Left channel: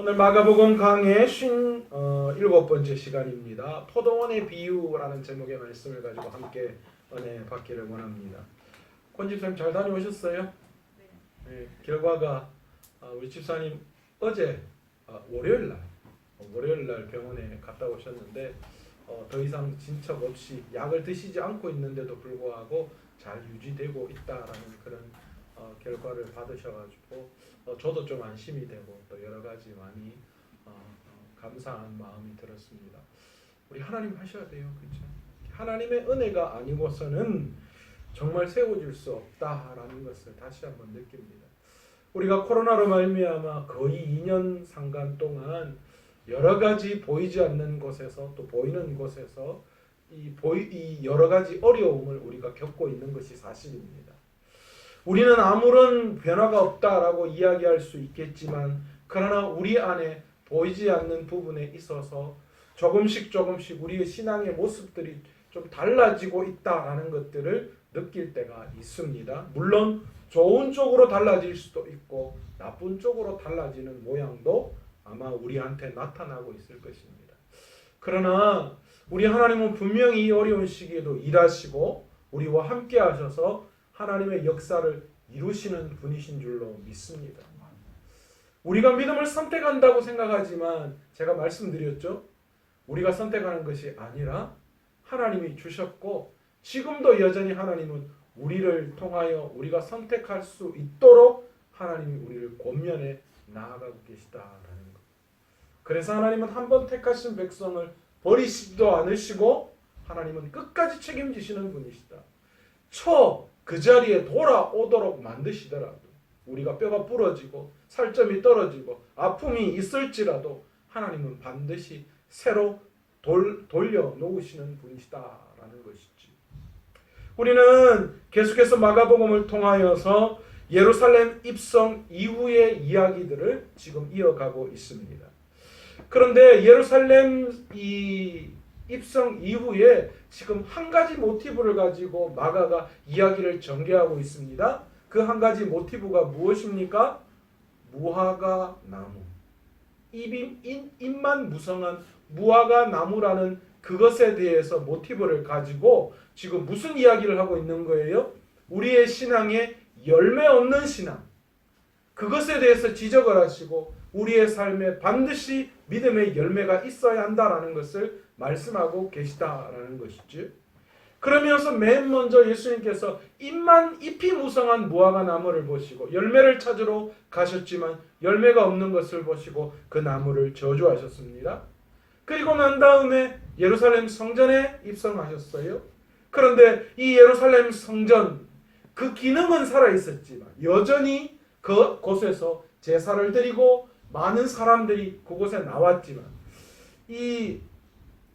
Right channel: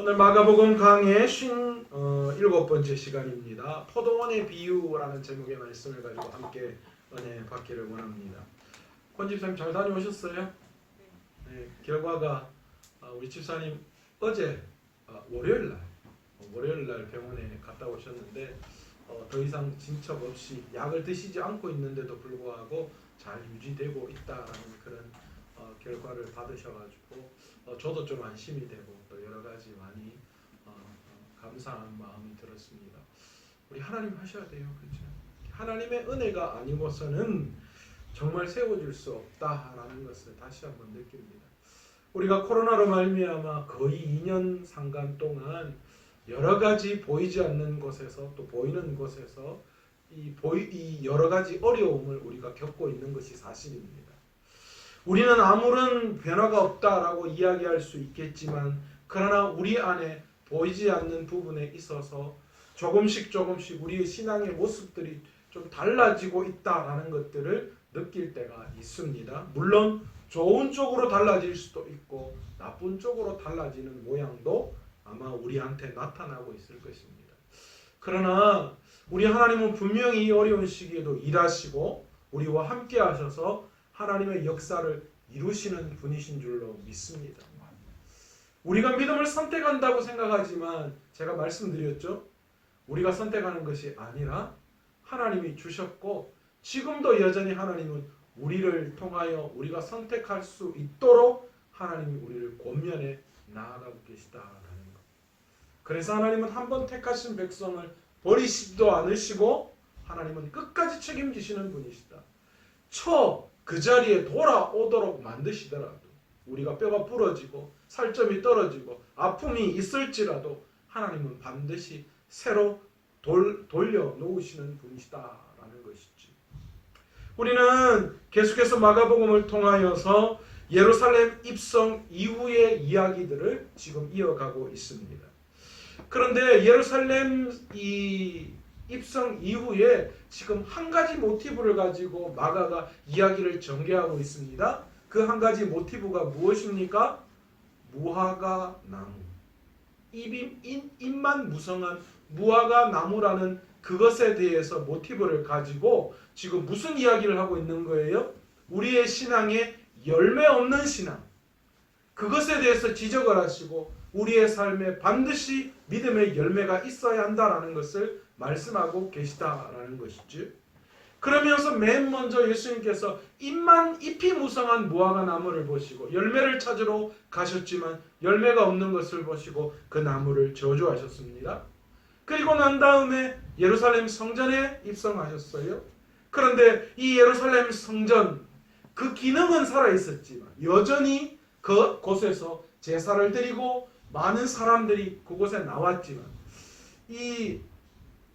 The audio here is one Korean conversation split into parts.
오늘 마가복음 강의 57번째 시간입니다. 포도원의 비유라는 제목의 말씀을 가지고 함께 은혜 받기를 원합니다. 권 집사님 잘 다녀오셨어요? 네, 결과가 우리 집사님 어제 월요일날 병원에 갔다 오셨는데 더 이상 진척 없이 약을 드시지 않고 있는데도 불구하고 잘 유지되고 있다라는 그런 결과를 받으셔가지고 저도 좀 안심이 되고 또 여러 가지 많이 감사한 마음이 들었습니다. 우리 하나님 하셔야 돼요, 그렇죠? 하나님의 은혜가 아니고서는 정말 세워질 수 없다라는 것을 다시 한번 느낍니다. 우리가 코로나로 말미암아 거의 2년 상간 동안 여러 가지 보이지 않는 곳에서 또 보이는 곳에서 이 여러 가지 어려움을 우리가 겪고 있는 것이 사실입니다. 우리는 아무런 변화가 없다라고 이야기할 수 있겠지만 그러나 우리 안에 보이지 않는 부분에 있어서 조금씩 우리의 신앙의 모습들이 좀 달라지고 있다라는 것들을 느낄 때가 있습니다. 물론 좋은 쪽으로 달라질 수도 있고 나쁜 쪽으로 달라지는 모양도 아마 우리한테 나타나고 있을 것입니다. 그러나 우리 하나님은 분명히 이 어려운 시기에도 일하시고 우리와 함께 하셔서 하나님의 역사를 이루시는 분이신 줄로 믿습니다. 우리가 믿음을 선택한다고 생각하지만 제가 말씀드렸죠. 우리가 선택하는 것이 아니라 하나님이 주셨고 지금도 여전히 하나님은 우리를 통하여 우리가 선택할 수 있도록 하나님이 우리를 권면해 나아가고 계시다라는 것. 그래서 하나님은 한번 택하신 백성을 버리시지도 않으시고 하나님은 끝까지 책임지시는 분이시다. 그 자리에 돌아오도록 만드시더라도 우리가 뼈가 부러지고 살점이 떨어지고 아픔이 있을지라도 하나님은 반드시 새로 돌려놓으시는 분이시다라는 것이지. 우리는 계속해서 마가복음을 통하여서 예루살렘 입성 이후의 이야기들을 지금 이어가고 있습니다. 그런데 예루살렘 입성 이후에 지금 한 가지 모티브를 가지고 마가가 이야기를 전개하고 있습니다. 그 한 가지 모티브가 무엇입니까? 무화과 나무. 잎만 무성한 무화과 나무라는 그것에 대해서 모티브를 가지고 지금 무슨 이야기를 하고 있는 거예요? 우리의 신앙에 열매 없는 신앙. 그것에 대해서 지적을 하시고 우리의 삶에 반드시 믿음의 열매가 있어야 한다라는 것을 말씀하고 계시다라는 것이죠. 그러면서 맨 먼저 예수님께서 잎이 무성한 무화과 나무를 보시고 열매를 찾으러 가셨지만 열매가 없는 것을 보시고 그 나무를 저주하셨습니다. 그리고 난 다음에 예루살렘 성전에 입성하셨어요. 그런데 이 예루살렘 성전 그 기능은 살아있었지만 여전히 그곳에서 제사를 드리고 많은 사람들이 그곳에 나왔지만 이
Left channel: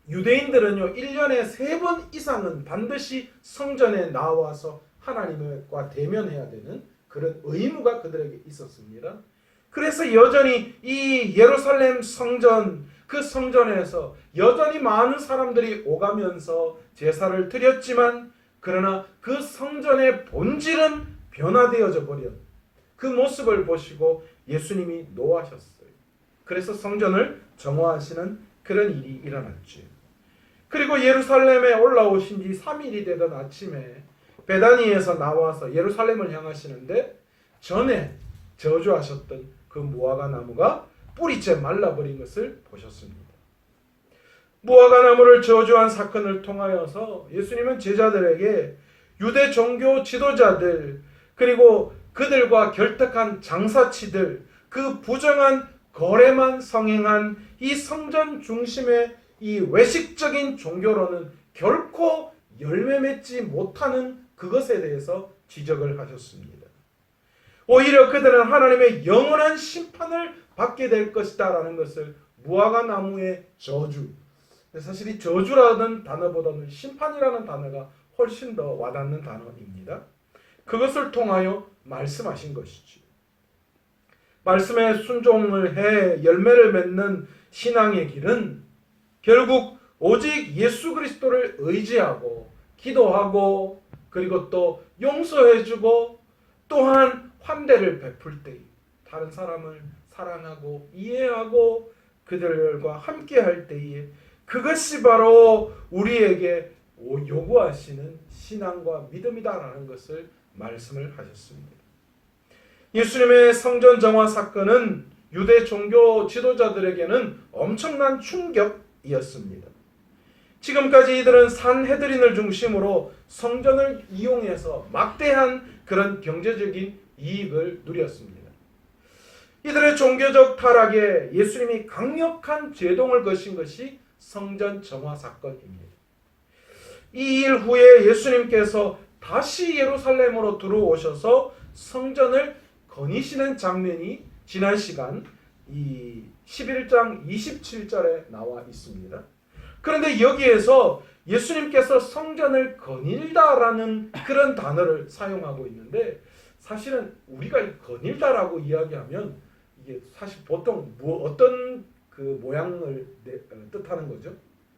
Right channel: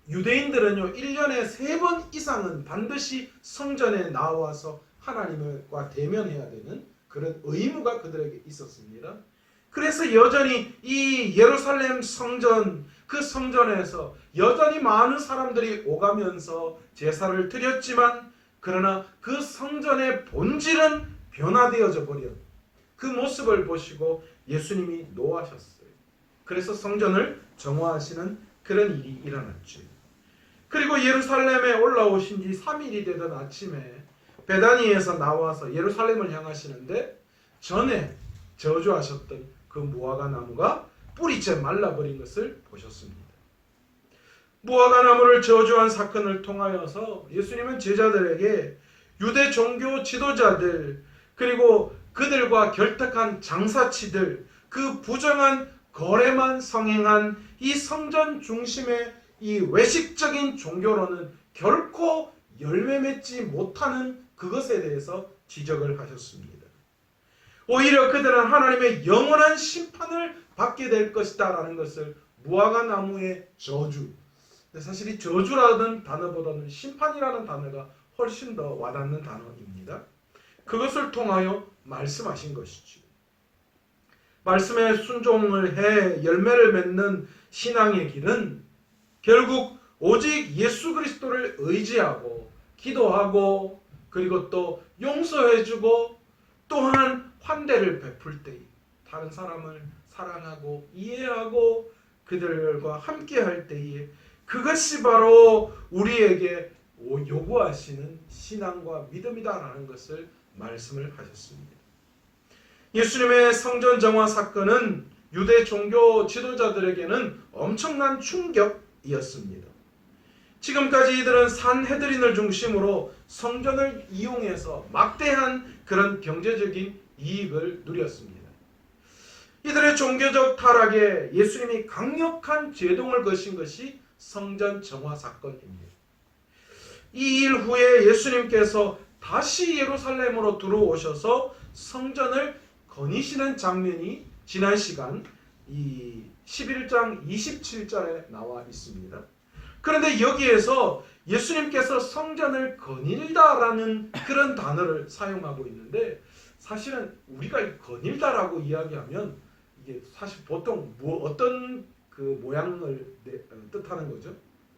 유대인들은요 1년에 3번 이상은 반드시 성전에 나와서 하나님과 대면해야 되는 그런 의무가 그들에게 있었습니다. 그래서 여전히 이 예루살렘 성전 그 성전에서 여전히 많은 사람들이 오가면서 제사를 드렸지만 그러나 그 성전의 본질은 변화되어져 버린 그 모습을 보시고 예수님이 노하셨어요. 그래서 성전을 정화하시는 그런 일이 일어났죠. 그리고 예루살렘에 올라오신 지 3일이 되던 아침에 베다니에서 나와서 예루살렘을 향하시는데 전에 저주하셨던 그 무화과 나무가 뿌리째 말라버린 것을 보셨습니다. 무화과 나무를 저주한 사건을 통하여서 예수님은 제자들에게 유대 종교 지도자들 그리고 그들과 결탁한 장사치들 그 부정한 거래만 성행한 이 성전 중심의 이 외식적인 종교로는 결코 열매 맺지 못하는 그것에 대해서 지적을 하셨습니다. 오히려 그들은 하나님의 영원한 심판을 받게 될 것이다 라는 것을 무화과 나무의 저주, 사실 이 저주라는 단어보다는 심판이라는 단어가 훨씬 더 와닿는 단어입니다. 그것을 통하여 말씀하신 것이죠. 말씀에 순종을 해 열매를 맺는 신앙의 길은 결국 오직 예수 그리스도를 의지하고 기도하고 그리고 또 용서해주고 또한 환대를 베풀 때 다른 사람을 사랑하고 이해하고 그들과 함께 할 때에 그것이 바로 우리에게 요구하시는 신앙과 믿음이다라는 것을 말씀을 하셨습니다. 예수님의 성전 정화 사건은 유대 종교 지도자들에게는 엄청난 충격이었습니다. 지금까지 이들은 산헤드린을 중심으로 성전을 이용해서 막대한 그런 경제적인 이익을 누렸습니다. 이들의 종교적 타락에 예수님이 강력한 제동을 거신 것이 성전 정화 사건입니다. 이 일 후에 예수님께서 다시 예루살렘으로 들어오셔서 성전을 거니시는 장면이 지난 시간 이 11장 27절에 나와 있습니다. 그런데 여기에서 예수님께서 성전을 거닐다라는 그런 단어를 사용하고 있는데 사실은 우리가 거닐다라고 이야기하면 이게 사실 보통 어떤 그 모양을 뜻하는 거죠?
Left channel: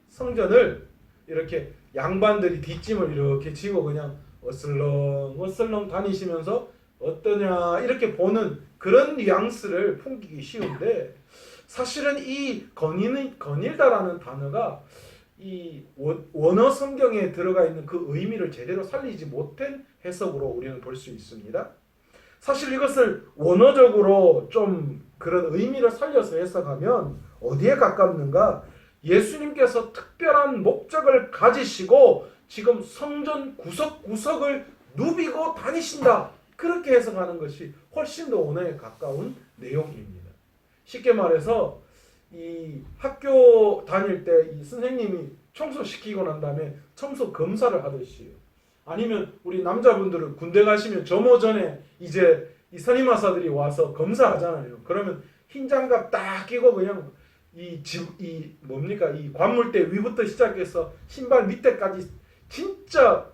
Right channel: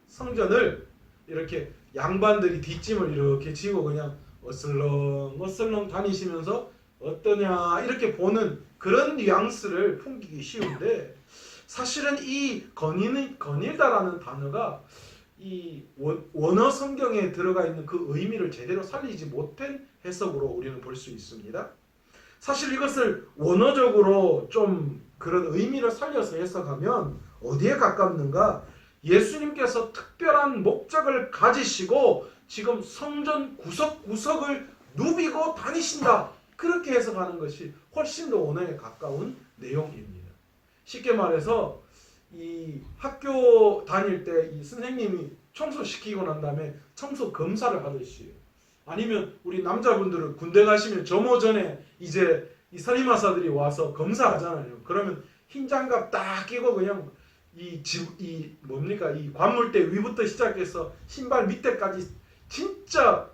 성전을 이렇게 양반들이 뒷짐을 이렇게 지고 그냥 어슬렁 다니시면서 어떠냐 이렇게 보는 그런 뉘앙스를 풍기기 쉬운데 사실은 이 거닐다라는 단어가 이 원어 성경에 들어가 있는 그 의미를 제대로 살리지 못한 해석으로 우리는 볼 수 있습니다. 사실 이것을 원어적으로 좀 그런 의미를 살려서 해석하면 어디에 가깝는가? 예수님께서 특별한 목적을 가지시고 지금 성전 구석구석을 누비고 다니신다. 그렇게 해석하는 것이 훨씬 더 원어에 가까운 내용입니다. 쉽게 말해서 이 학교 다닐 때 이 선생님이 청소시키고 난 다음에 청소 검사를 하듯이 아니면 우리 남자분들은 군대 가시면 점호 전에 이제 이 선임하사들이 와서 검사하잖아요. 그러면 흰 장갑 딱 끼고 그냥 이 관물대 위부터 시작해서 신발 밑에까지 진짜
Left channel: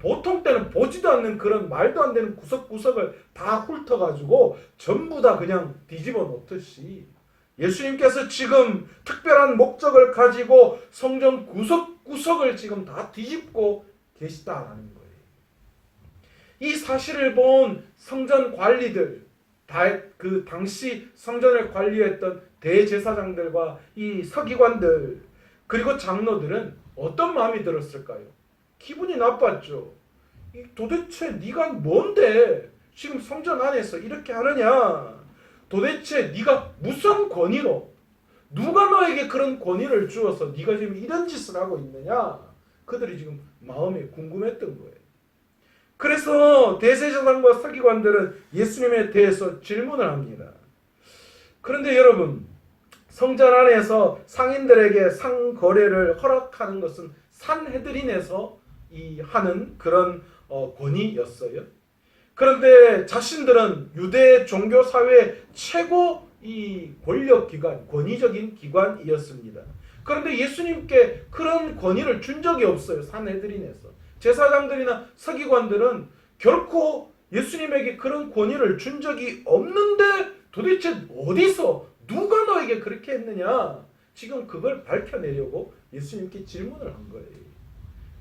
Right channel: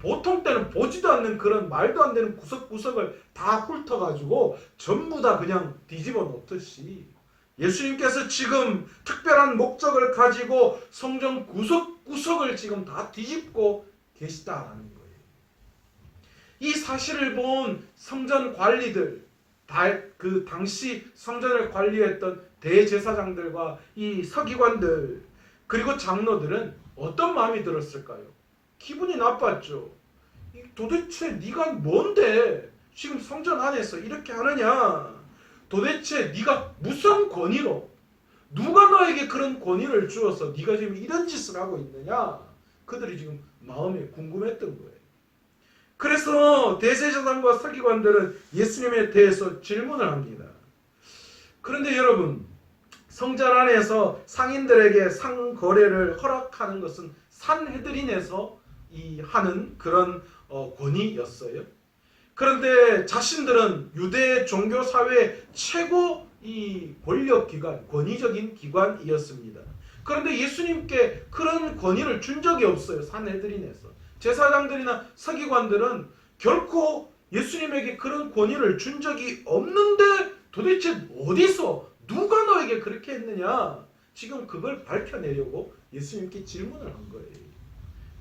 보통 때는 보지도 않는 그런 말도 안 되는 구석구석을 다 훑어가지고 전부 다 그냥 뒤집어 놓듯이 예수님께서 지금 특별한 목적을 가지고 성전 구석구석을 지금 다 뒤집고 계시다라는 거예요. 이 사실을 본 성전 관리들, 그 당시 성전을 관리했던 대제사장들과 이 서기관들 그리고 장로들은 어떤 마음이 들었을까요? 기분이 나빴죠. 도대체 네가 뭔데 지금 성전 안에서 이렇게 하느냐? 도대체 네가 무슨 권위로 누가 너에게 그런 권위를 주어서 네가 지금 이런 짓을 하고 있느냐? 그들이 지금 마음에 궁금했던 거예요. 그래서 대제사장과 서기관들은 예수님에 대해서 질문을 합니다. 그런데 여러분, 성전 안에서 상인들에게 상거래를 허락하는 것은 산헤드린에서 하는 그런 권위였어요. 그런데 자신들은 유대 종교 사회 최고 이 권력 기관, 권위적인 기관이었습니다. 그런데 예수님께 그런 권위를 준 적이 없어요. 산헤드린에서. 제사장들이나 서기관들은 결코 예수님에게 그런 권위를 준 적이 없는데 도대체 어디서 누가 너에게 그렇게 했느냐? 지금 그걸 밝혀내려고 예수님께 질문을 한 거예요.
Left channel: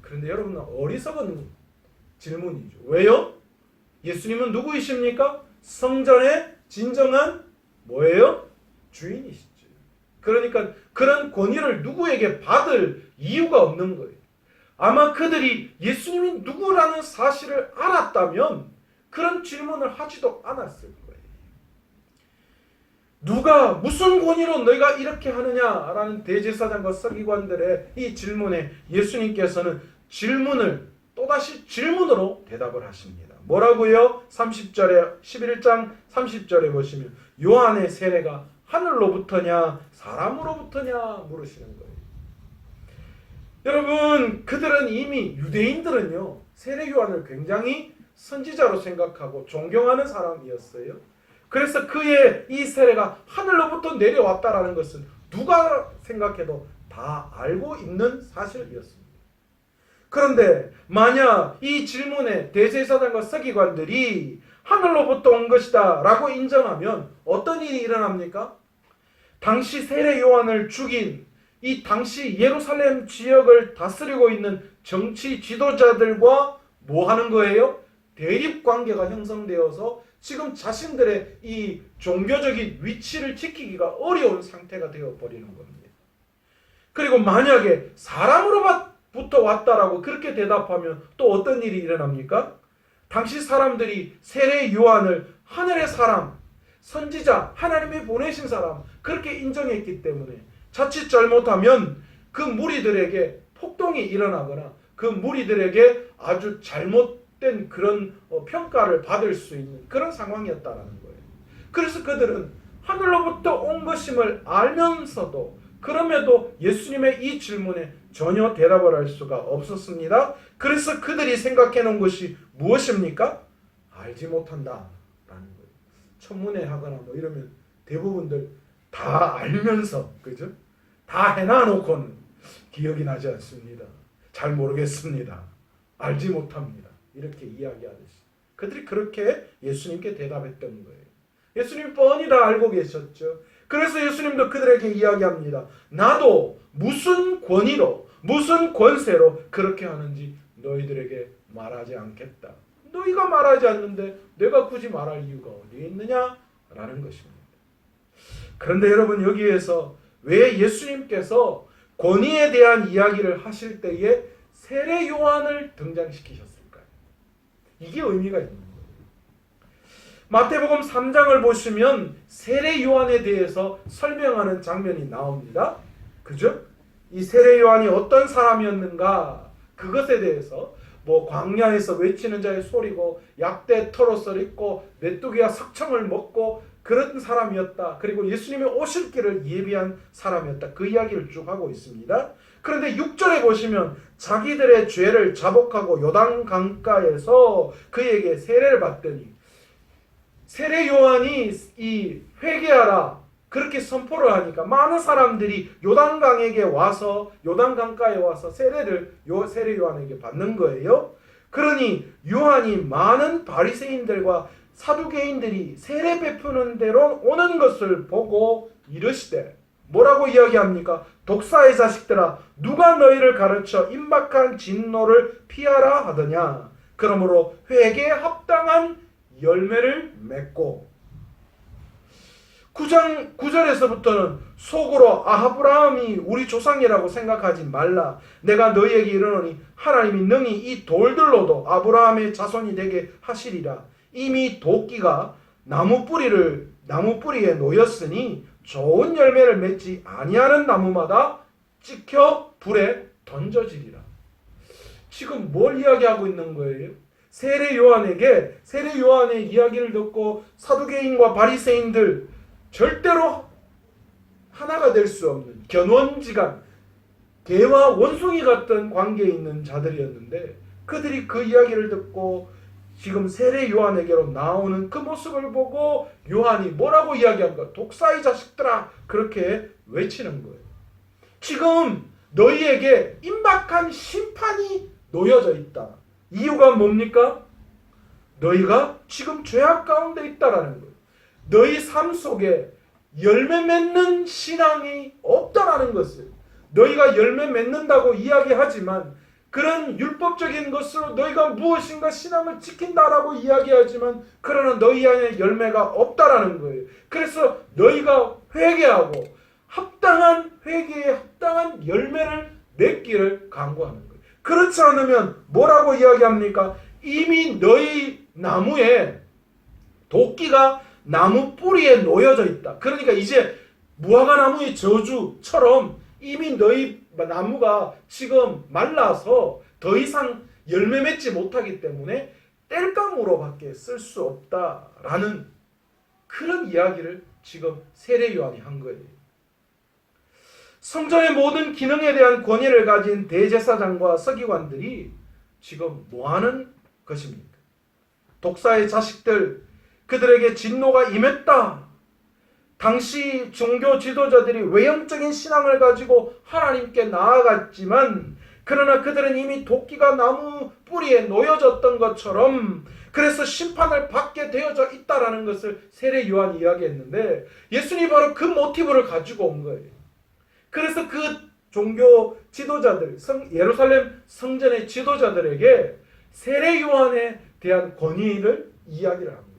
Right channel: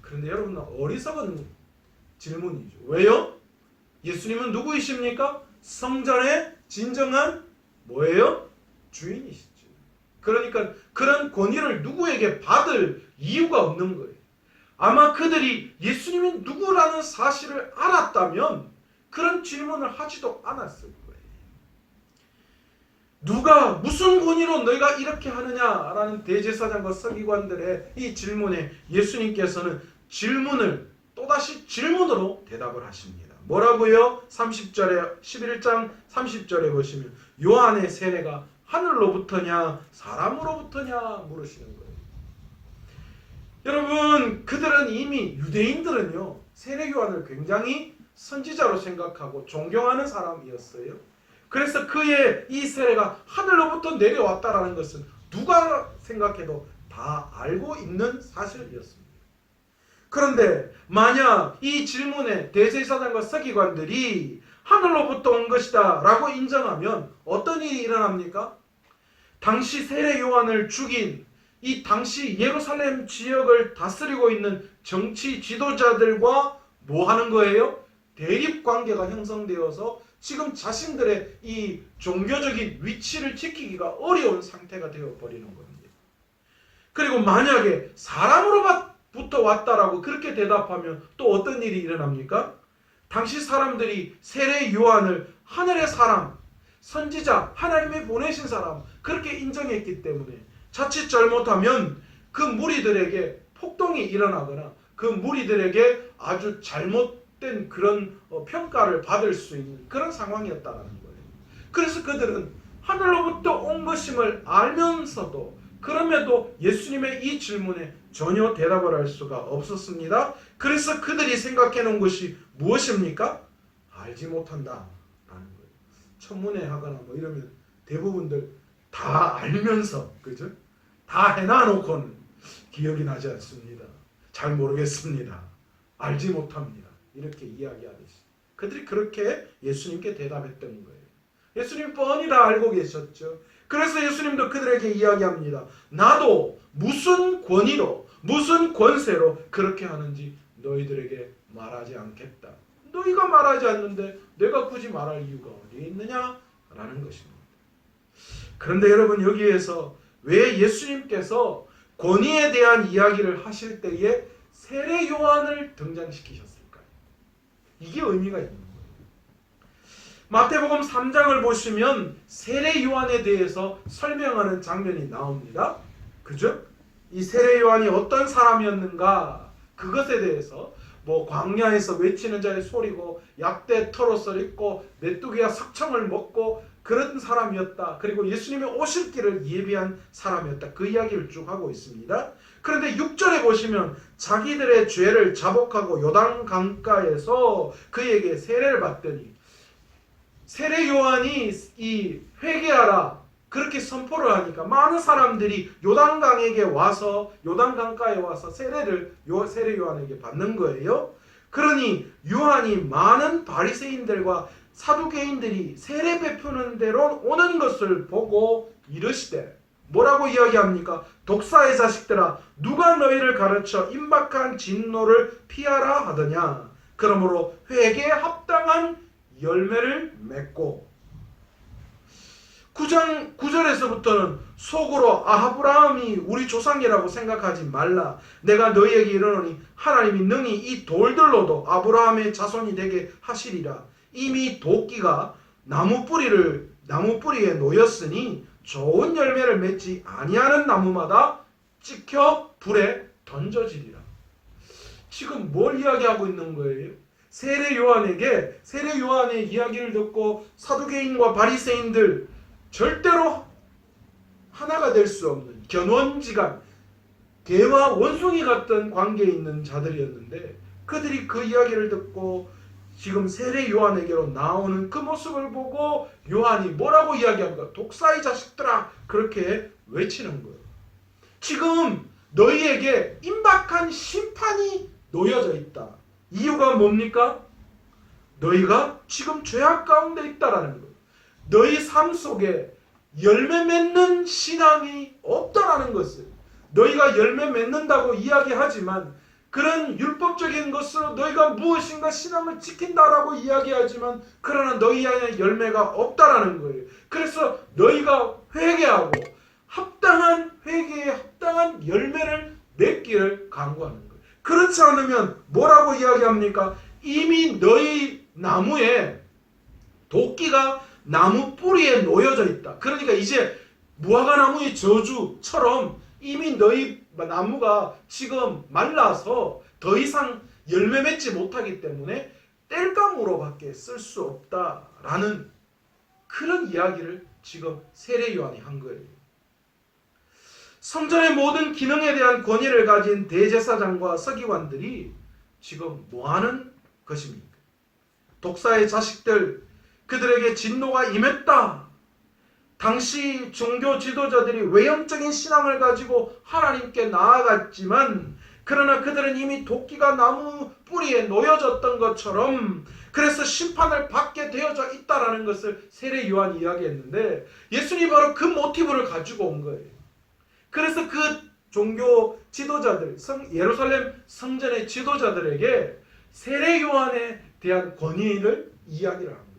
그런데 여러분 어리석은 질문이죠. 왜요? 예수님은 누구이십니까? 성전의 진정한 뭐예요? 주인이시죠. 그러니까 그런 권위를 누구에게 받을 이유가 없는 거예요. 아마 그들이 예수님이 누구라는 사실을 알았다면 그런 질문을 하지도 않았을 거예요. 누가 무슨 권위로 너희가 이렇게 하느냐라는 대제사장과 서기관들의 이 질문에 예수님께서는 질문을 또다시 질문으로 대답을 하십니다. 뭐라고요? 30절에 11장 30절에 보시면 요한의 세례가 하늘로부터냐 사람으로부터냐 물으시는 거예요. 여러분 그들은 이미 유대인들은요 세례 요한을 굉장히 선지자로 생각하고 존경하는 사람이었어요. 그래서 그의 이 세례가 하늘로부터 내려왔다라는 것은 누가 생각해도 다 알고 있는 사실이었습니다. 그런데 만약 이 질문에 대제사장과 서기관들이 하늘로부터 온 것이다 라고 인정하면 어떤 일이 일어납니까? 당시 세례 요한을 죽인 이 당시 예루살렘 지역을 다스리고 있는 정치 지도자들과 뭐 하는 거예요? 대립 관계가 형성되어서 지금 자신들의 이 종교적인 위치를 지키기가 어려운 상태가 되어버리는 겁니다. 그리고 만약에 사람으로부터 왔다라고 그렇게 대답하면 또 어떤 일이 일어납니까? 당시 사람들이 세례 요한을 하늘의 사람, 선지자, 하나님이 보내신 사람 그렇게 인정했기 때문에 자칫 잘못하면 그 무리들에게 폭동이 일어나거나 그 무리들에게 아주 잘못된 그런 평가를 받을 수 있는 그런 상황이었다는 거예요. 그래서 그들은 하늘로부터 온 것임을 알면서도 그럼에도 예수님의 이 질문에 전혀 대답을 할 수가 없었습니다. 그래서 그들이 생각해 놓은 것이 무엇입니까? 알지 못한다 라는 거예요. 청문회 하거나 뭐 이러면 대부분들 다 알면서, 그죠? 다 해놔놓고는 기억이 나지 않습니다. 잘 모르겠습니다. 알지 못합니다. 이렇게 이야기하듯이 그들이 그렇게 예수님께 대답했던 거예요. 예수님 뻔히 다 알고 계셨죠. 그래서 예수님도 그들에게 이야기합니다. 나도 무슨 권위로 무슨 권세로 그렇게 하는지 너희들에게 말하지 않겠다. 너희가 말하지 않는데 내가 굳이 말할 이유가 어디에 있느냐라는 것입니다. 그런데 여러분, 여기에서 왜 예수님께서 권위에 대한 이야기를 하실 때에 세례 요한을 등장시키셨을까요? 이게 의미가 있는 거예요. 마태복음 3장을 보시면 세례 요한에 대해서 설명하는 장면이 나옵니다. 그죠? 이 세례 요한이 어떤 사람이었는가, 그것에 대해서 뭐 광야에서 외치는 자의 소리고 약대 털옷을 입고 메뚜기와 석청을 먹고 그런 사람이었다. 그리고 예수님이 오실 길을 예비한 사람이었다. 그 이야기를 쭉 하고 있습니다. 그런데 6절에 보시면 자기들의 죄를 자복하고 요단 강가에서 그에게 세례를 받더니, 세례 요한이 이 회개하라 그렇게 선포를 하니까 많은 사람들이 요단강에게 와서 요단강가에 와서 세례 요한에게 받는 거예요. 그러니 요한이 많은 바리새인들과 사두개인들이 세례 베푸는 대로 오는 것을 보고 이르시되, 뭐라고 이야기합니까? 독사의 자식들아, 누가 너희를 가르쳐 임박한 진노를 피하라 하더냐? 그러므로 회개에 합당한 열매를 맺고. 9장 9절에서부터는 속으로 아브라함이 우리 조상이라고 생각하지 말라. 내가 너희에게 이르노니 하나님이 능히 이 돌들로도 아브라함의 자손이 되게 하시리라. 이미 도끼가 나무 뿌리에 놓였으니 좋은 열매를 맺지 아니하는 나무마다 찍혀 불에 던져지리라. 지금 뭘 이야기하고 있는 거예요? 세례 요한의 이야기를 듣고 사두개인과 바리새인들, 절대로 하나가 될 수 없는 견원지간, 개와 원숭이 같은 관계에 있는 자들이었는데, 그들이 그 이야기를 듣고 지금 세례 요한에게로 나오는 그 모습을 보고 요한이 뭐라고 이야기합니까? 독사의 자식들아, 그렇게 외치는 거예요. 지금 너희에게 임박한 심판이 놓여져 있다. 이유가 뭡니까? 너희가 지금 죄악 가운데 있다라는 거예요. 너희 삶 속에 열매 맺는 신앙이 없다라는 것을, 너희가 열매 맺는다고 이야기하지만 그런 율법적인 것으로 너희가 무엇인가 신앙을 지킨다라고 이야기하지만 그러나 너희 안에 열매가 없다라는 거예요. 그래서 너희가 회개하고 회개에 합당한 열매를 맺기를 간구하는 거예요. 그렇지 않으면 뭐라고 이야기합니까? 이미 너희 나무에 도끼가 나무 뿌리에 놓여져 있다. 그러니까 이제 무화과 나무의 저주처럼 이미 너희 나무가 지금 말라서 더 이상 열매 맺지 못하기 때문에 땔감으로밖에 쓸 수 없다라는 그런 이야기를 지금 세례 요한이 한 거예요. 성전의 모든 기능에 대한 권위를 가진 대제사장과 서기관들이 지금 뭐하는 것입니까? 독사의 자식들, 그들에게 진노가 임했다. 당시 종교 지도자들이 외형적인 신앙을 가지고 하나님께 나아갔지만 그러나 그들은 이미 도끼가 나무 뿌리에 놓여졌던 것처럼 그래서 심판을 받게 되어져 있다라는 것을 세례 요한이 이야기했는데, 예수님이 바로 그 모티브를 가지고 온 거예요. 그래서 그 종교 지도자들, 예루살렘 성전의 지도자들에게 세례 요한에 대한 권위를 이야기를 한 거예요.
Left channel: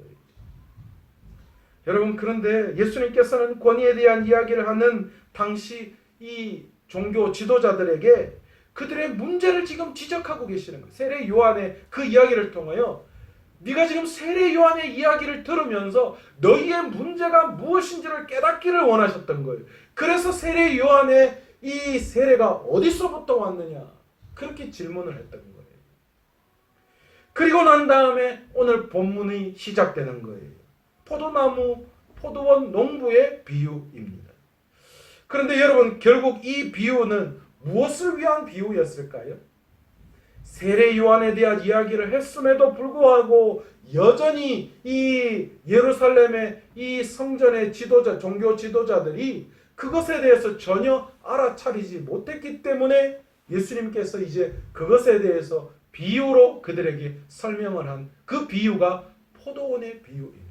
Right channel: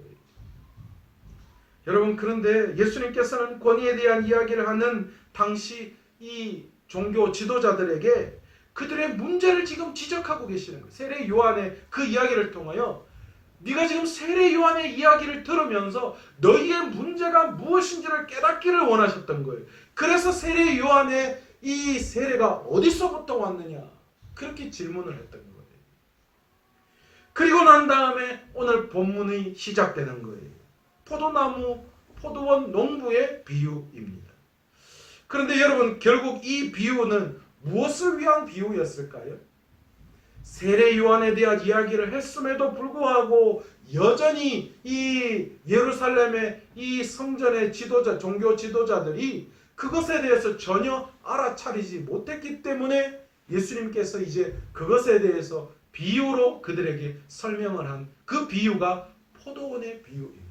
여러분, 그런데 예수님께서는 권위에 대한 이야기를 하는 당시 이 종교 지도자들에게 그들의 문제를 지금 지적하고 계시는 거예요. 세례 요한의 그 이야기를 통하여 네가 지금 세례 요한의 이야기를 들으면서 너희의 문제가 무엇인지를 깨닫기를 원하셨던 거예요. 그래서 세례 요한의 이 세례가 어디서부터 왔느냐, 그렇게 질문을 했던 거예요. 그리고 난 다음에 오늘 본문이 시작되는 거예요. 포도나무, 포도원 농부의 비유입니다. 그런데 여러분, 결국 이 비유는 무엇을 위한 비유였을까요? 세례 요한에 대한 이야기를 했음에도 불구하고 여전히 이 예루살렘의 이 성전의 지도자, 종교 지도자들이 그것에 대해서 전혀 알아차리지 못했기 때문에 예수님께서 이제 그것에 대해서 비유로 그들에게 설명을 한 그 비유가 포도원의 비유입니다.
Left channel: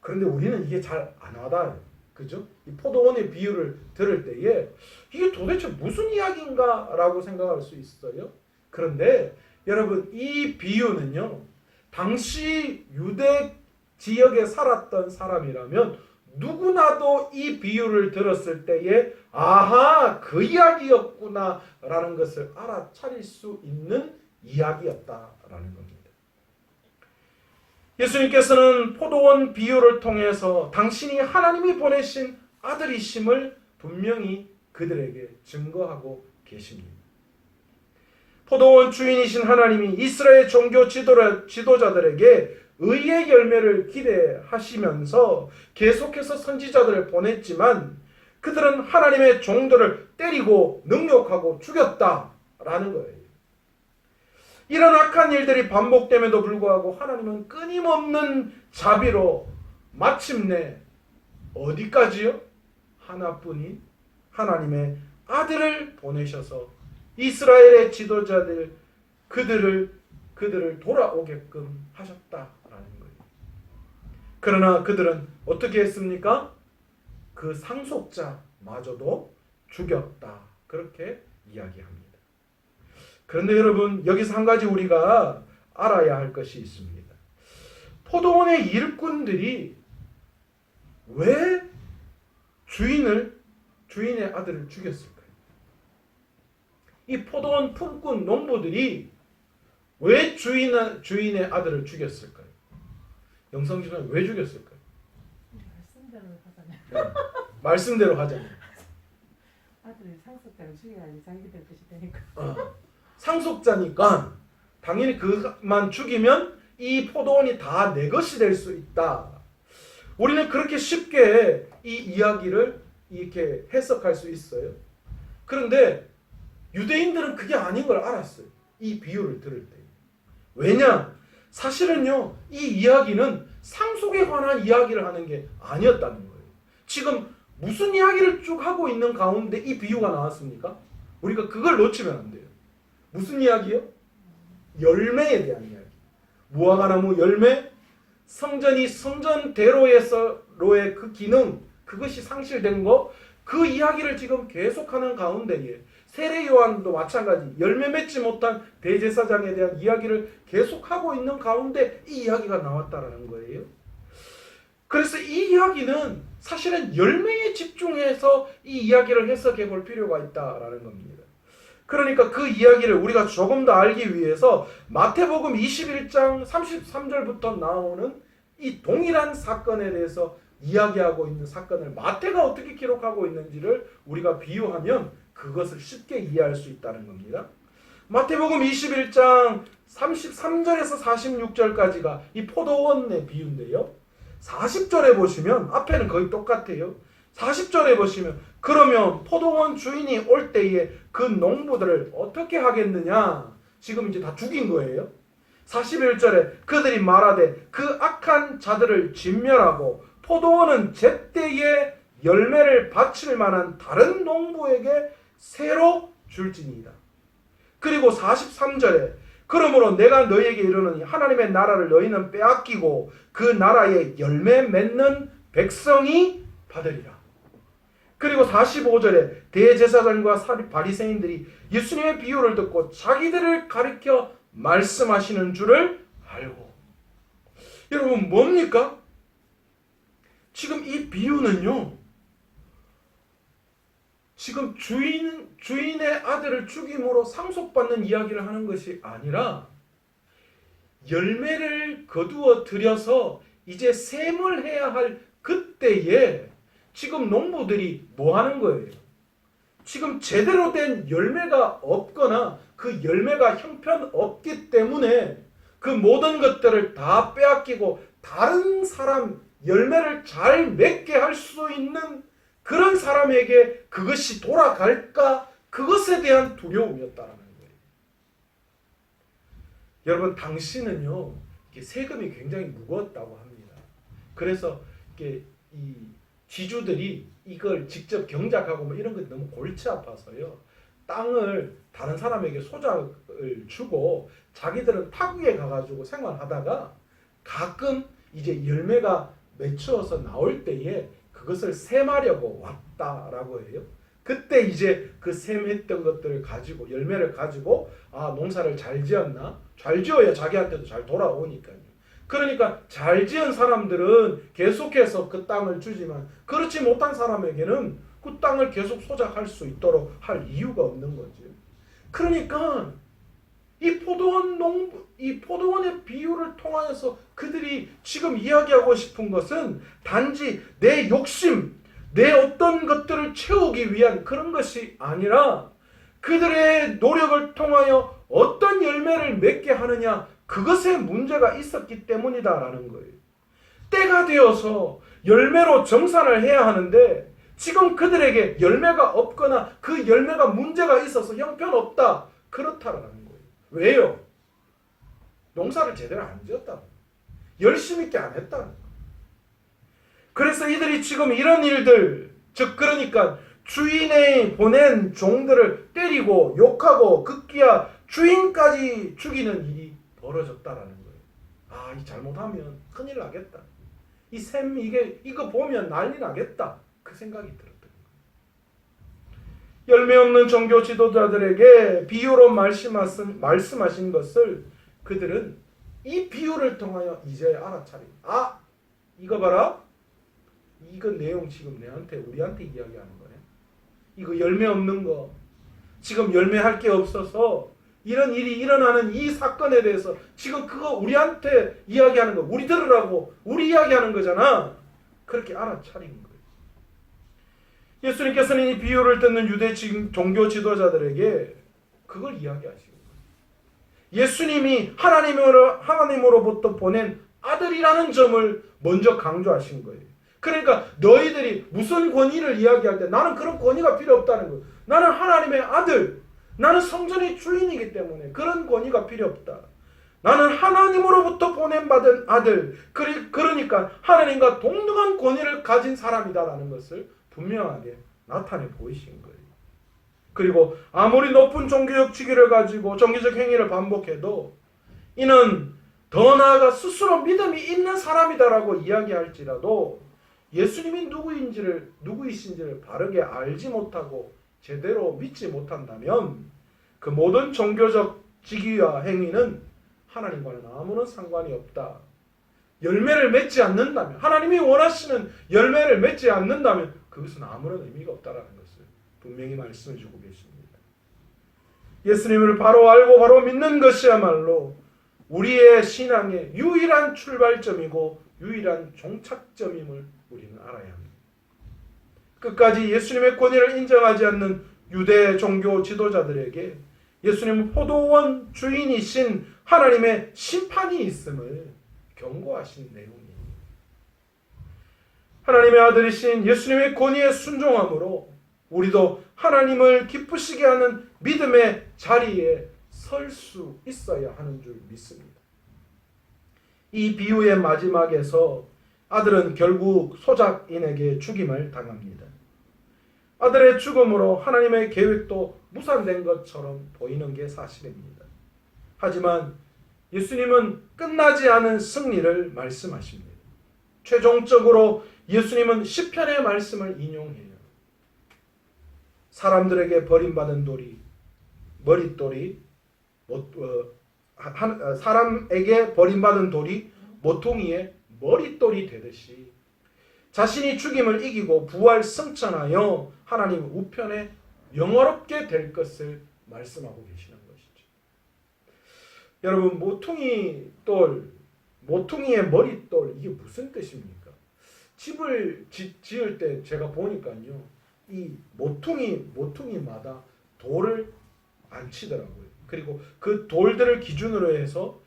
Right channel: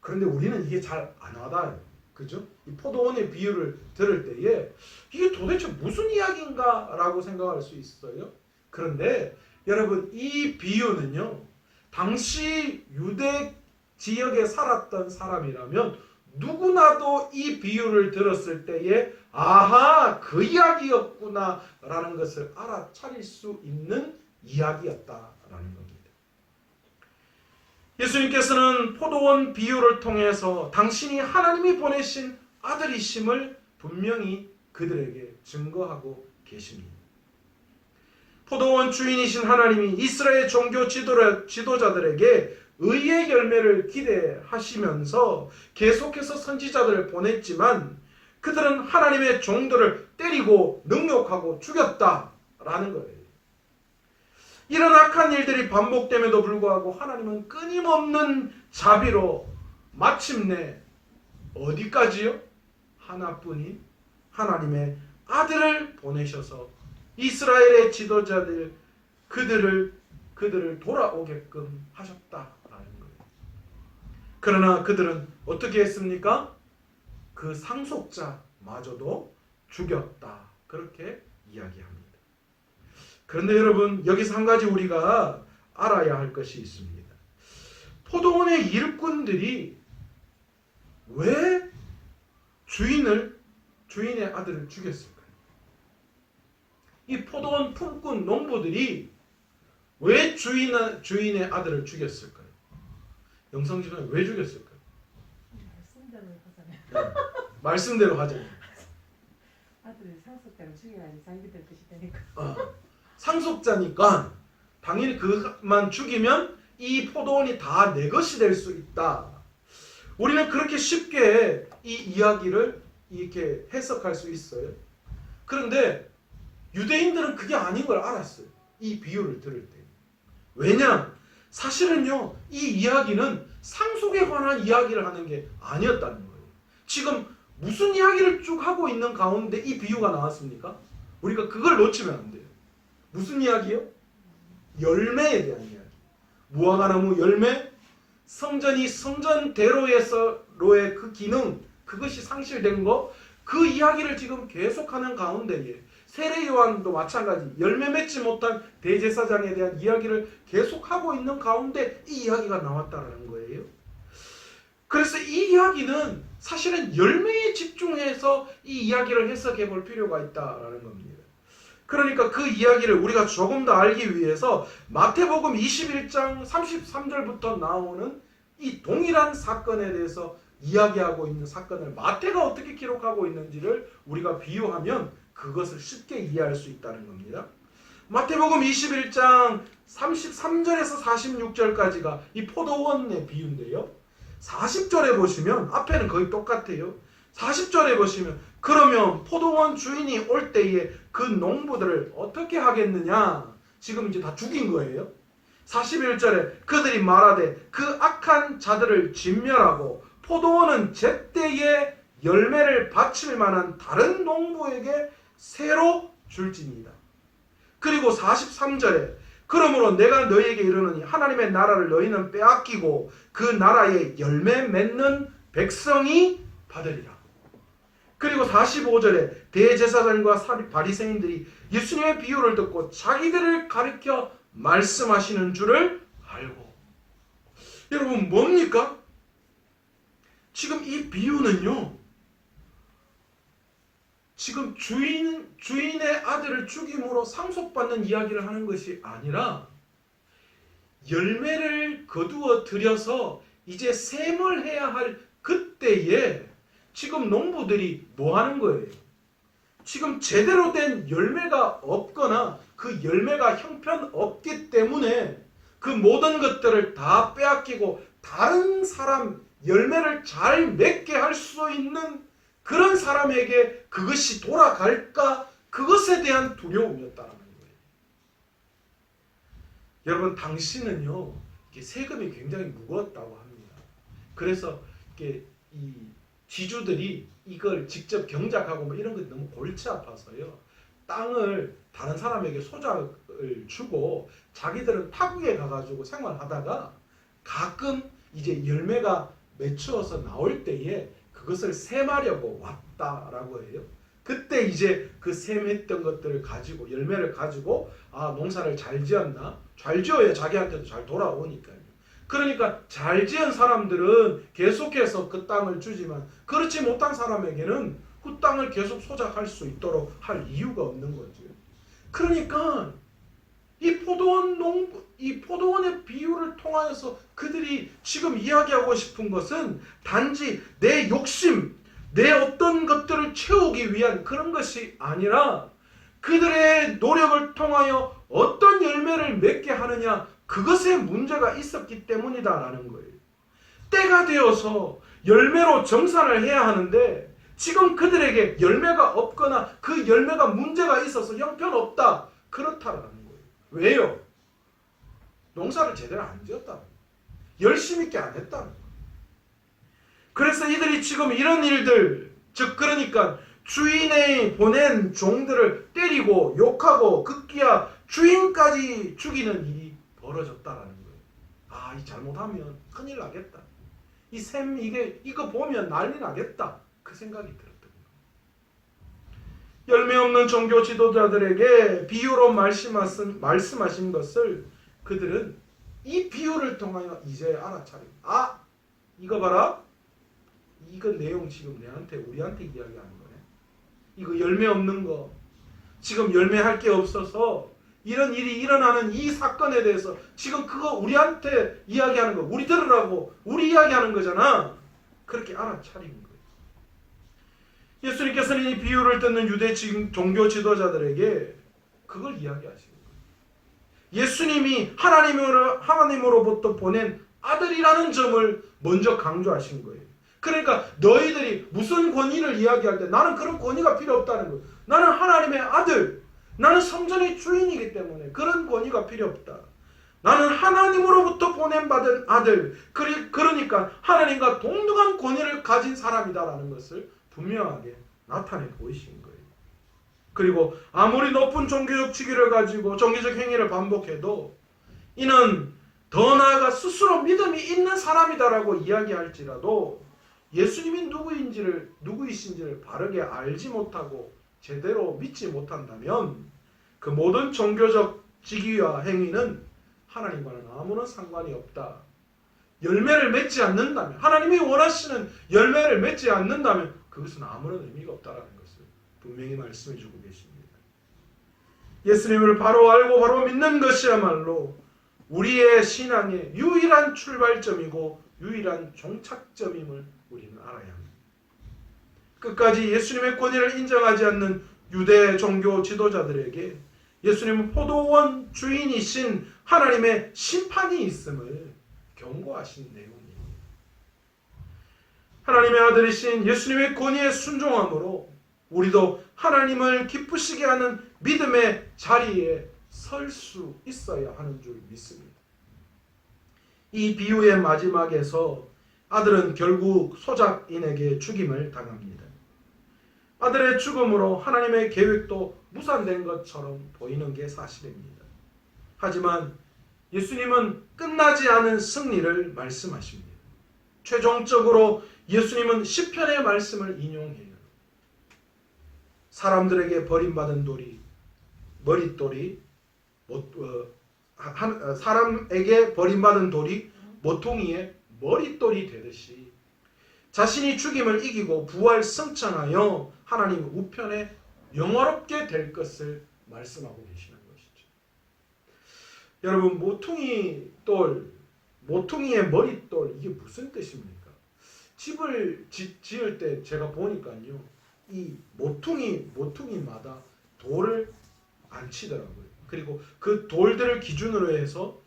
그런데 우리는 이게 잘 안 와닿아요. 그죠? 이 포도원의 비유를 들을 때에 이게 도대체 무슨 이야기인가 라고 생각할 수 있어요. 그런데 여러분, 이 비유는요, 당시 유대 지역에 살았던 사람이라면 누구나도 이 비유를 들었을 때에 아하, 그 이야기였구나 라는 것을 알아차릴 수 있는 이야기였다라는 겁니다. 예수님께서는 포도원 비유를 통해서 당신이 하나님이 보내신 아들이심을 분명히 그들에게 증거하고 계십니다. 포도원 주인이신 하나님이 이스라엘 종교 지도자들에게 의의 열매를 기대하시면서 계속해서 선지자들을 보냈지만 그들은 하나님의 종들을 때리고 능욕하고 죽였다라는 거예요. 이런 악한 일들이 반복됨에도 불구하고 하나님은 끊임없는 자비로 마침내 어디까지요? 하나뿐인 하나님의 아들을 보내셔서 이스라엘의 지도자들 그들을 돌아오게끔 하셨다라는 거예요. 그러나 그들은 어떻게 했습니까? 그 상속자마저도 죽였다. 그렇게 이야기합니다. 그런데 여러분, 여기서 한 가지 우리가 알아야 할 것이 있습니다. 포도원의 일꾼들이 왜 주인의 아들을 죽였을까요? 이 포도원 품꾼 농부들이 왜 주인의 아들을 죽였을까요? 영성지가 왜 죽였을까요? 말씀대로 하자면. 네, 말씀대로 하자면. 아들이 상속자를 죽여야지 자기들 뜻이 되니까. 상속자니까 당연히 그만 죽이면 이 포도원이 다 내 것이 될 수 있다. 우리는 그렇게 쉽게 이 이야기를 이렇게 해석할 수 있어요. 그런데 유대인들은 그게 아닌 걸 알았어요. 이 비유를 들을 때. 왜냐? 사실은요, 이 이야기는 상속에 관한 이야기를 하는 게 아니었다는 거예요. 지금 무슨 이야기를 쭉 하고 있는 가운데 이 비유가 나왔습니까? 우리가 그걸 놓치면 안 돼요. 무슨 이야기요? 열매에 대한 이야기. 무화과나무 열매, 성전이 성전대로에서로의 그 기능, 그것이 상실된 거, 그 이야기를 지금 계속하는 가운데에 세례 요한도 마찬가지 열매 맺지 못한 대제사장에 대한 이야기를 계속하고 있는 가운데 이 이야기가 나왔다라는 거예요. 그래서 이 이야기는 사실은 열매에 집중해서 이 이야기를 해석해 볼 필요가 있다라는 겁니다. 그러니까 그 이야기를 우리가 조금 더 알기 위해서 마태복음 21장 33절부터 나오는 이 동일한 사건에 대해서 이야기하고 있는 사건을 마태가 어떻게 기록하고 있는지를 우리가 비유하면 그것을 쉽게 이해할 수 있다는 겁니다. 마태복음 21장 33절에서 46절까지가 이 포도원의 비유인데요. 40절에 보시면 앞에는 거의 똑같아요. 40절에 보시면 그러면 포도원 주인이 올 때에 그 농부들을 어떻게 하겠느냐? 지금 이제 다 죽인 거예요. 41절에 그들이 말하되 그 악한 자들을 진멸하고 포도원은 제때에 열매를 바칠 만한 다른 농부에게 새로 줄지니이다. 그리고 43절에 그러므로 내가 너희에게 이르노니 하나님의 나라를 너희는 빼앗기고 그 나라에 열매 맺는 백성이 받으리라. 그리고 45절에 대제사장과 바리새인들이 예수님의 비유를 듣고 자기들을 가리켜 말씀하시는 줄을 알고. 여러분 뭡니까? 지금 이 비유는요, 지금 주인의 아들을 죽임으로 상속받는 이야기를 하는 것이 아니라 열매를 거두어 들여서 이제 셈을 해야 할 그때에 지금 농부들이 뭐 하는 거예요? 지금 제대로 된 열매가 없거나 그 열매가 형편없기 때문에 그 모든 것들을 다 빼앗기고 다른 사람 열매를 잘 맺게 할 수 있는 그런 사람에게 그것이 돌아갈까? 그것에 대한 두려움이었다는 거예요. 여러분, 당시는요, 세금이 굉장히 무거웠다고 합니다. 그래서 이 지주들이 이걸 직접 경작하고 뭐 이런 것 너무 골치 아파서요, 땅을 다른 사람에게 소작을 주고 자기들은 타국에 가가지고 생활하다가 가끔 이제 열매가 맺혀서 나올 때에 그것을 셈하려고 왔다라고 해요. 그때 이제 그 셈했던 것들을 가지고 열매를 가지고 농사를 잘 지었나? 잘 지어야 자기한테도 잘 돌아오니까요. 그러니까 잘 지은 사람들은 계속해서 그 땅을 주지만 그렇지 못한 사람에게는 그 땅을 계속 소작할 수 있도록 할 이유가 없는 거죠. 그러니까 이 포도원의 비유를 통하여서 그들이 지금 이야기하고 싶은 것은 단지 내 욕심, 내 어떤 것들을 채우기 위한 그런 것이 아니라 그들의 노력을 통하여 어떤 열매를 맺게 하느냐, 그것에 문제가 있었기 때문이다라는 거예요. 때가 되어서 열매로 정산을 해야 하는데 지금 그들에게 열매가 없거나 그 열매가 문제가 있어서 형편없다, 그렇다라는 거예요. 왜요? 농사를 제대로 안 지었다, 열심히 있게 안 했다. 그래서 이들이 지금 이런 일들, 즉 그러니까 주인이 보낸 종들을 때리고 욕하고 급기야 주인까지 죽이는 일이 벌어졌다라는 거예요. 이 잘못하면 큰일 나겠다. 이거 보면 난리 나겠다. 그 생각이 들었던 거예요. 열매 없는 종교 지도자들에게 비유로 말씀하신 것을 그들은 이 비유를 통하여 이제 알아차리고, 이거 봐라. 이거 내용 지금 우리한테 이야기하는 거네. 이거 열매 없는 거, 지금 열매할 게 없어서 이런 일이 일어나는 이 사건에 대해서 지금 그거 우리한테 이야기하는 거, 우리 들으라고 우리 이야기하는 거잖아. 그렇게 알아차린 거예요. 예수님께서는 이 비유를 듣는 유대 종교 지도자들에게 그걸 이야기하시고, 예수님이 하나님으로부터 보낸 아들이라는 점을 먼저 강조하신 거예요. 그러니까 너희들이 무슨 권위를 이야기할 때 나는 그런 권위가 필요 없다는 거예요. 나는 하나님의 아들, 나는 성전의 주인이기 때문에 그런 권위가 필요 없다. 나는 하나님으로부터 보냄받은 아들, 그러니까 하나님과 동등한 권위를 가진 사람이다라는 것을 분명하게 나타내 보이신 거예요. 그리고 아무리 높은 종교적 직위를 가지고 종교적 행위를 반복해도 이는 더 나아가 스스로 믿음이 있는 사람이다라고 이야기할지라도 예수님이 누구이신지를 바르게 알지 못하고 제대로 믿지 못한다면 그 모든 종교적 직위와 행위는 하나님과는 아무런 상관이 없다. 열매를 맺지 않는다면, 하나님이 원하시는 열매를 맺지 않는다면 그것은 아무런 의미가 없다라는 것을 분명히 말씀해 주고 계십니다. 예수님을 바로 알고 바로 믿는 것이야말로 우리의 신앙의 유일한 출발점이고 유일한 종착점임을 우리는 알아야 합니다. 끝까지 예수님의 권위를 인정하지 않는 유대 종교 지도자들에게 예수님은 포도원 주인이신 하나님의 심판이 있음을 경고하신 내용입니다. 하나님의 아들이신 예수님의 권위에 순종함으로 우리도 하나님을 기쁘시게 하는 믿음의 자리에 설 수 있어야 하는 줄 믿습니다. 이 비유의 마지막에서 아들은 결국 소작인에게 죽임을 당합니다. 아들의 죽음으로 하나님의 계획도 무산된 것처럼 보이는 게 사실입니다. 하지만 예수님은 끝나지 않은 승리를 말씀하십니다. 최종적으로 예수님은 시편의 말씀을 인용해요. 사람들에게 버림받은 사람에게 버림받은 돌이 모퉁이의 머릿돌이 되듯이 자신이 죽임을 이기고 부활 승천하여 하나님 우편에 영화롭게 될 것을 말씀하고 계시는 것이죠. 여러분, 모퉁이의 머릿돌, 이게 무슨 뜻입니까? 집을 지을 때 제가 보니까요, 이 모퉁이마다 돌을 안 치더라고요. 그리고 그 돌들을 기준으로 해서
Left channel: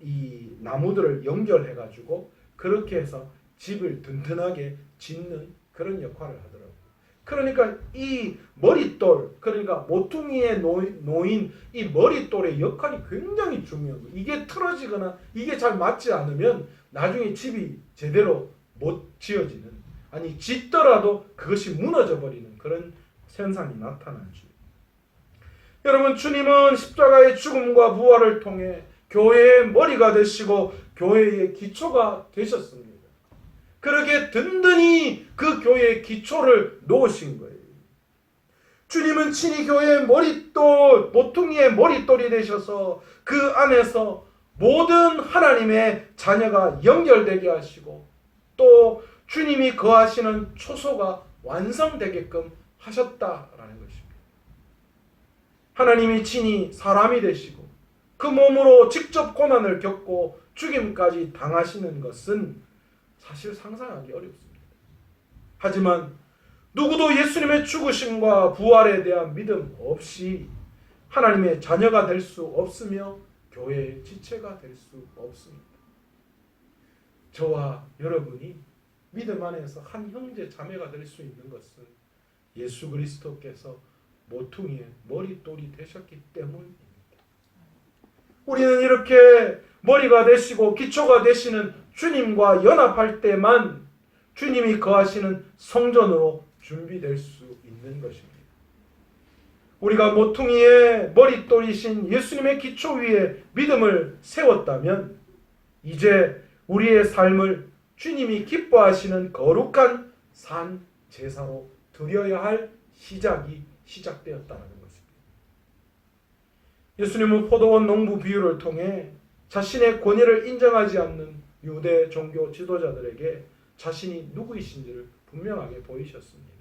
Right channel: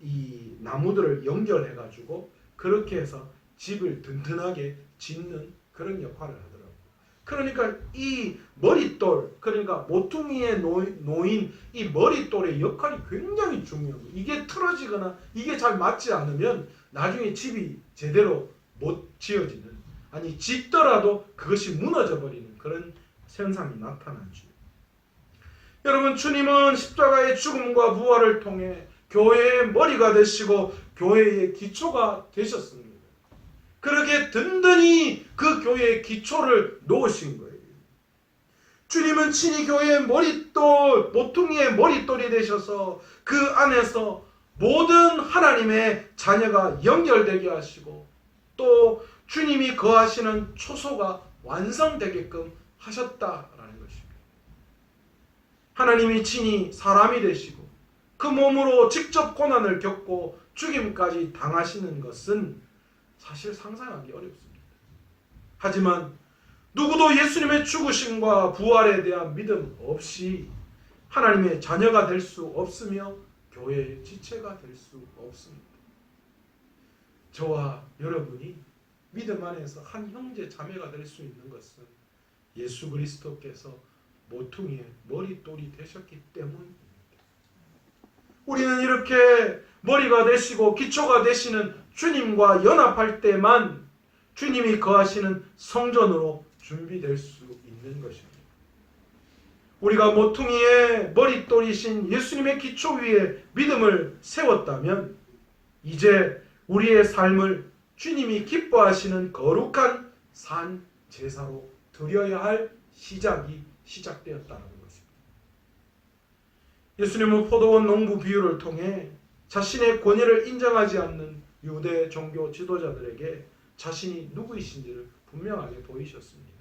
이 나무들을 연결해 가지고 그렇게 해서 집을 든든하게 짓는 그런 역할을 하더라고요. 그러니까 이 머릿돌, 그러니까 모퉁이에 놓인 이 머릿돌의 역할이 굉장히 중요합니다. 이게 틀어지거나 이게 잘 맞지 않으면 나중에 집이 제대로 못 지어지는, 아니 짓더라도 그것이 무너져 버리는 그런 현상이 나타나죠. 여러분, 주님은 십자가의 죽음과 부활을 통해 교회의 머리가 되시고 교회의 기초가 되셨습니다. 그렇게 든든히 그 교회의 기초를 놓으신 거예요. 주님은 친히 교회의 머릿돌, 모퉁이의 머릿돌이 되셔서 그 안에서 모든 하나님의 자녀가 연결되게 하시고 또 주님이 거하시는 초소가 완성되게끔 하셨다라는 것입니다. 하나님이 친히 사람이 되시고 그 몸으로 직접 고난을 겪고 죽임까지 당하시는 것은 사실 상상하기 어렵습니다. 하지만 누구도 예수님의 죽으심과 부활에 대한 믿음 없이 하나님의 자녀가 될 수 없으며 교회의 지체가 될 수 없습니다. 저와 여러분이 믿음 안에서 한 형제 자매가 될 수 있는 것은 예수 그리스도께서 모퉁이의 머릿돌이 되셨기 때문입니다. 우리는 이렇게 머리가 되시고 기초가 되시는 주님과 연합할 때만 주님이 거하시는 성전으로 준비될 수 있는 것입니다. 우리가 모퉁이의 머릿돌이신 예수님의 기초 위에 믿음을 세웠다면 이제 우리의 삶을 주님이 기뻐하시는 거룩한 산 제사로 드려야 할 시작이 시작되었다는 것입니다. 예수님은 포도원 농부 비유를 통해 자신의 권위를 인정하지 않는 유대 종교 지도자들에게 자신이 누구이신지를 분명하게 보이셨습니다.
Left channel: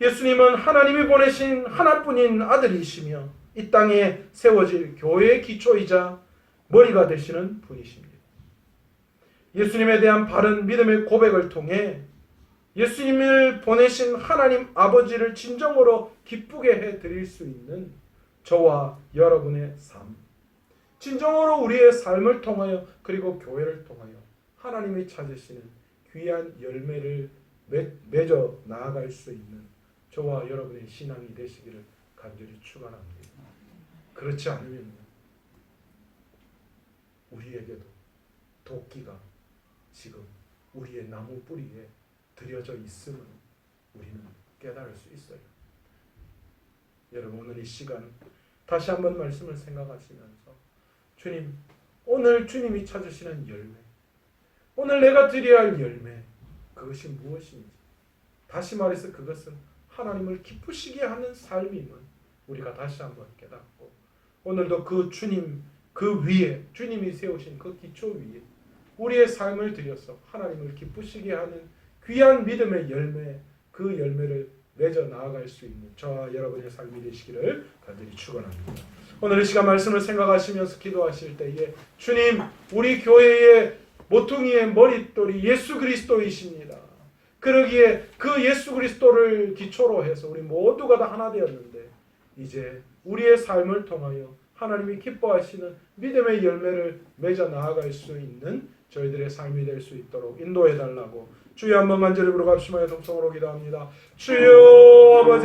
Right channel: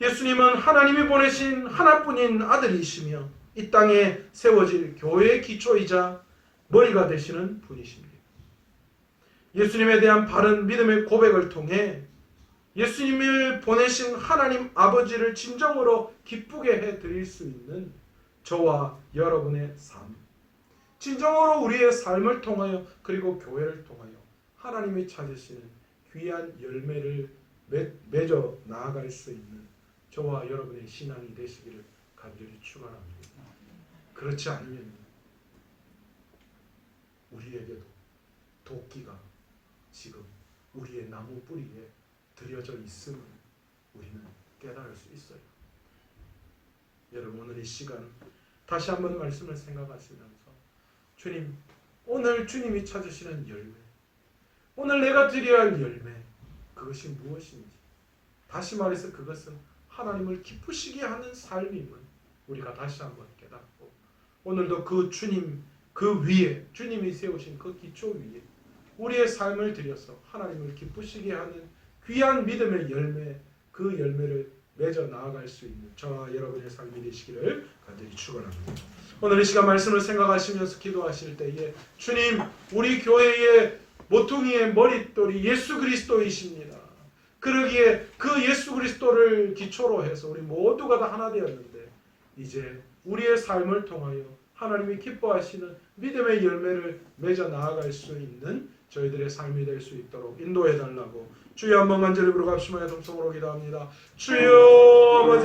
예수님은 하나님이 보내신 하나뿐인 아들이시며 이 땅에 세워질 교회의 기초이자 머리가 되시는 분이십니다. 예수님에 대한 바른 믿음의 고백을 통해 예수님을 보내신 하나님 아버지를 진정으로 기쁘게 해드릴 수 있는 저와 여러분의 삶, 진정으로 우리의 삶을 통하여 그리고 교회를 통하여 하나님이 찾으시는 귀한 열매를 맺어 나아갈 수 있는 저와 여러분의 신앙이 되시기를 간절히 축원합니다. 그렇지 않으면 우리에게도 도끼가 지금 우리의 나무 뿌리에 들여져 있음을 우리는 깨달을 수 있어요. 여러분, 오늘 이 시간 다시 한번 말씀을 생각하시면서 주님, 오늘 주님이 찾으시는 열매, 오늘 내가 드려야 할 열매, 그것이 무엇인지, 다시 말해서 그것은 하나님을 기쁘시게 하는 삶임을 우리가 다시 한번 깨닫고 오늘도 그 주님, 그 위에 주님이 세우신 그 기초 위에 우리의 삶을 들여서 하나님을 기쁘시게 하는 귀한 믿음의 열매, 그 열매를 맺어 나아갈 수 있는 저와 여러분의 삶이 되시기를 간절히 축원합니다. 오늘 이 시간 말씀을 생각하시면서 기도하실 때에 주님, 우리 교회의 모퉁이의 머릿돌이 예수 그리스도이십니다. 그러기에 그 예수 그리스도를 기초로 해서 우리 모두가 다 하나 되었는데 이제 우리의 삶을 통하여 하나님이 기뻐하시는 믿음의 열매를 맺어 나아갈 수 있는 저희들의 삶이 될 수 있도록 인도해 달라고 주여 한번 간절히 부르갑시며 동성으로 기도합니다. 주여 아버지